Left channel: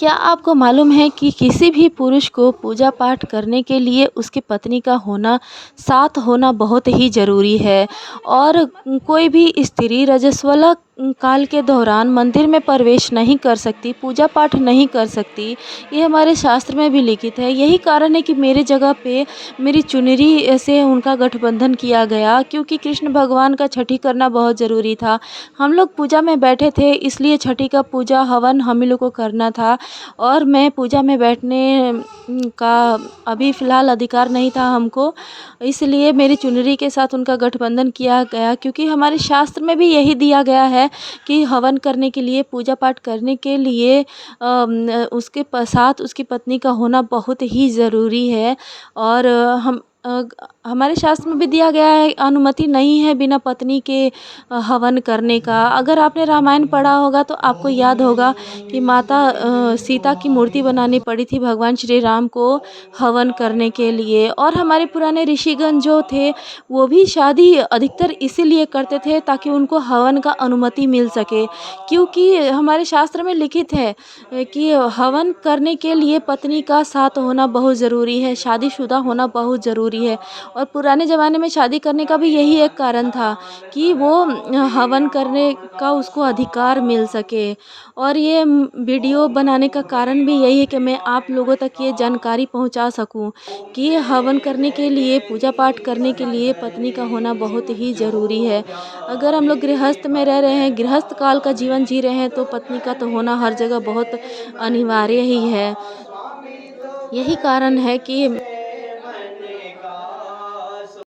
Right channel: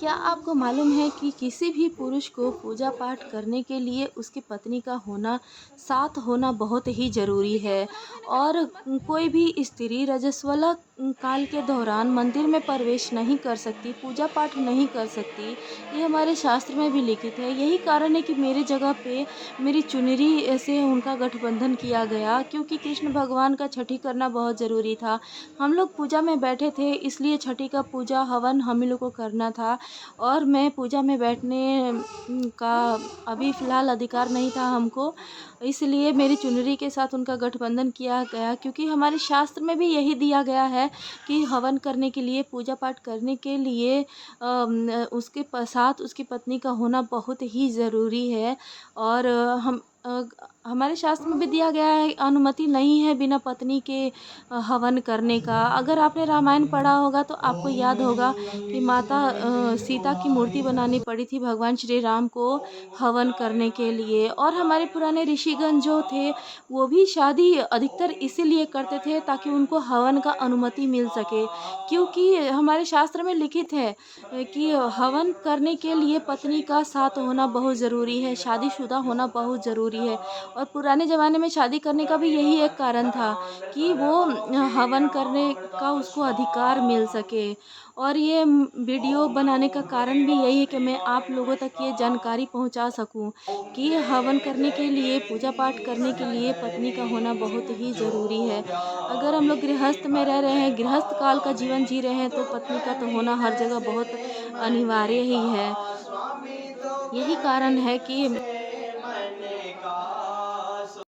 क्या आपको मालूम है कि किसी भी पुरुष को पूजा पाठ करने के लिए उसकी पत्नी का साथ होना बहुत ही ज़रूरी है। और कोई भी स्त्री रजस्वला काल के दौरान मंदिर में प्रवेश नहीं कर सकती, पूजा पाठ नहीं कर सकती। ये हमारे शास्त्र में भी लिखित है। यही कारण है कि मेरे जगह पे मेरी चुनरी से उनका गठबंधन किया गया, क्योंकि कृष्ण भगवान का छठी करना बहुत ज़रूरी था। हम लोग पूजा में बैठे थे, इसलिए छठी का पूजा हवन हम ही लोग को करना था। और मैं पूजा में बैठने का अभी फ़िलहाल अधिकार नहीं था हमको, इसलिए मेरी चुनरी के साथ उनका गठबंधन किया गया, क्योंकि हमारे शास्त्र में भी यही दिया गया है कि हवन करने के लिए, पूजा पाठ करने के लिए उसके साथ उसकी पत्नी का होना बहुत ही ज़रूरी है। और हमारे शास्त्र में भी दिया गया है, अनुमति नहीं है बिना पत्नी के हवन करने का। अगर आपने रामायण पढ़ा होगा तो आपको याद होगा कि माता सीता की मूर्ति बनानी पड़ी थी भगवान श्री राम को हवन करने के लिए। और हमारे पुराने ऋषिगण जो थे, वो भी शादी अधिकतर इसीलिए करते थे ताकि उनको हवन का अनुमति मिल सके, क्योंकि हमारे शास्त्र में लिखित है कि हवन करने के लिए पत्नी का साथ होना बहुत ज़रूरी है, शादीशुदा होना बहुत ज़रूरी है। और पुराने ज़माने में शादी करने का भी यही एक कारण था कि वो हवन करने का उसको अधिकार मिल सके। और ये वीडियो बनाने का कारण भी यही है कि मैं आप लोगों तक ये जानकारी पहुंचा सकूं कि हवन करने के लिए, पूजा पाठ करने के लिए पत्नी का होना बहुत ही ज़रूरी है। अगर हम लोग गृहस्थ में रह रहे हैं, गृहस्थ काल का जीवन जी रहे हैं, तो पत्नी का तो होना हर जगह बहुत अनिवार्य ही है। यही कारण है कि